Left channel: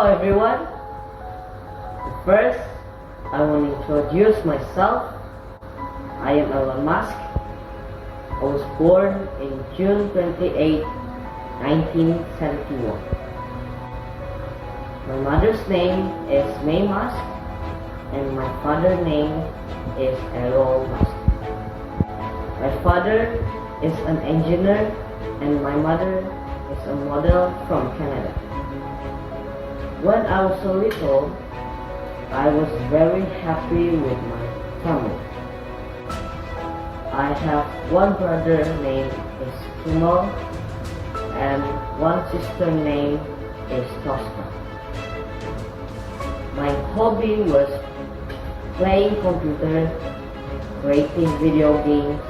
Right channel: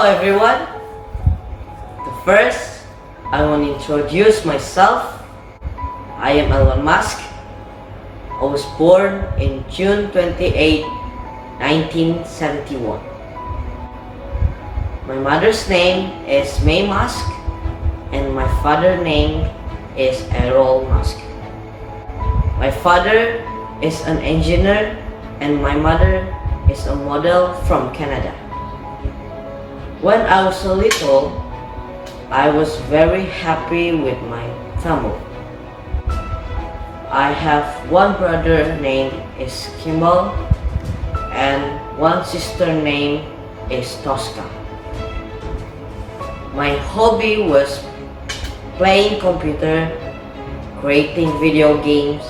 Hello everyone. First, I want to introduce myself. I am Elon Musk. I was born in June 28, 1971. My mother's name is May Musk and my father's name is Errol Musk. My father is an engineer and my mother is a model from Canada. When I was a little, I was very happy with my family. I have one brother named is Kimball and one sister named is Tosca. My hobby was playing computer, creating video games,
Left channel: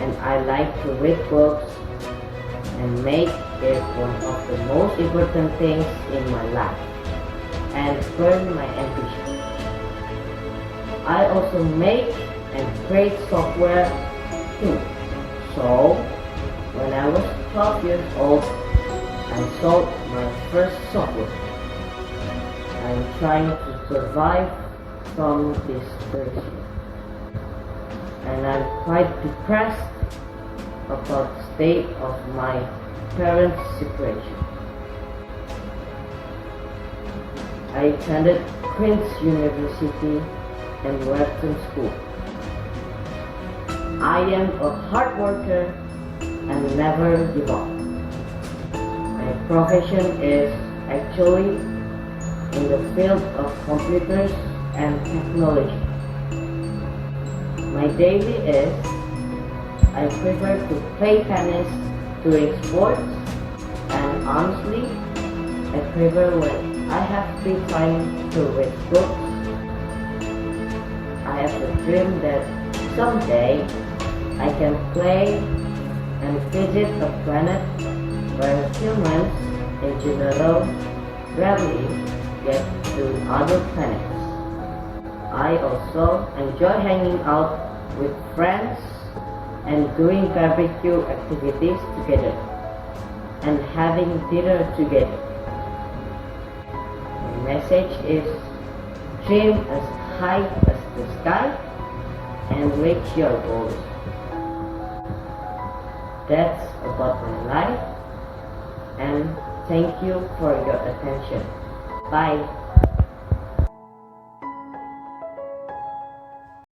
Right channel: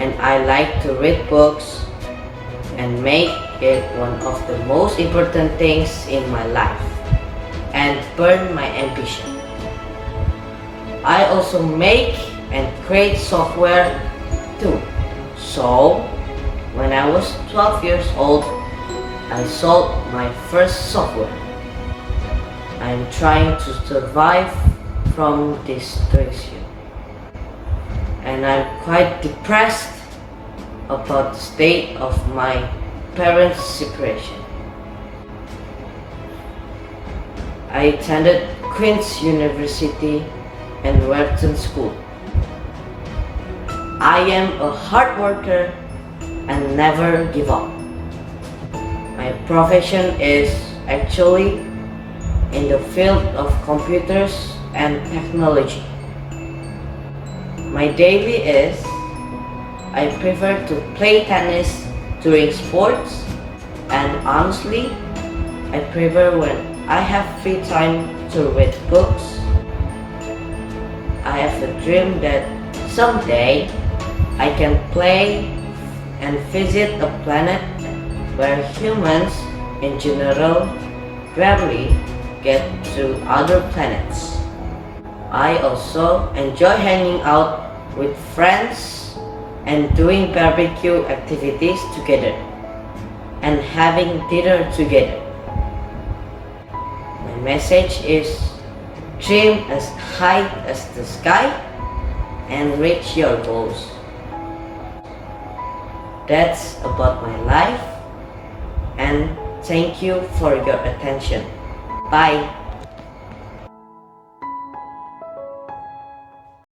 and I like to read books and make it one of the most important things in my life and burn my ambition. I also make and create software too. So, when I was 12 years old, I sold my first software. I'm trying to survive from this situation. And I'm quite depressed about the state of my parents' situation. I attended Queen's University and Wharton School. I am a hard worker and never give up. My profession is actually in the field of computers and technology. My daily is I prefer to play tennis during sports, and honestly, I prefer when I have free time to read books. I have a dream that someday I can play and visit a planet where humans in general rarely get to other planets. I also enjoy hanging out with friends and doing barbecue activities together and having dinner together. My message is dream as high as the sky and reach your goals. That's about my life, and thank you for your attention. Bye.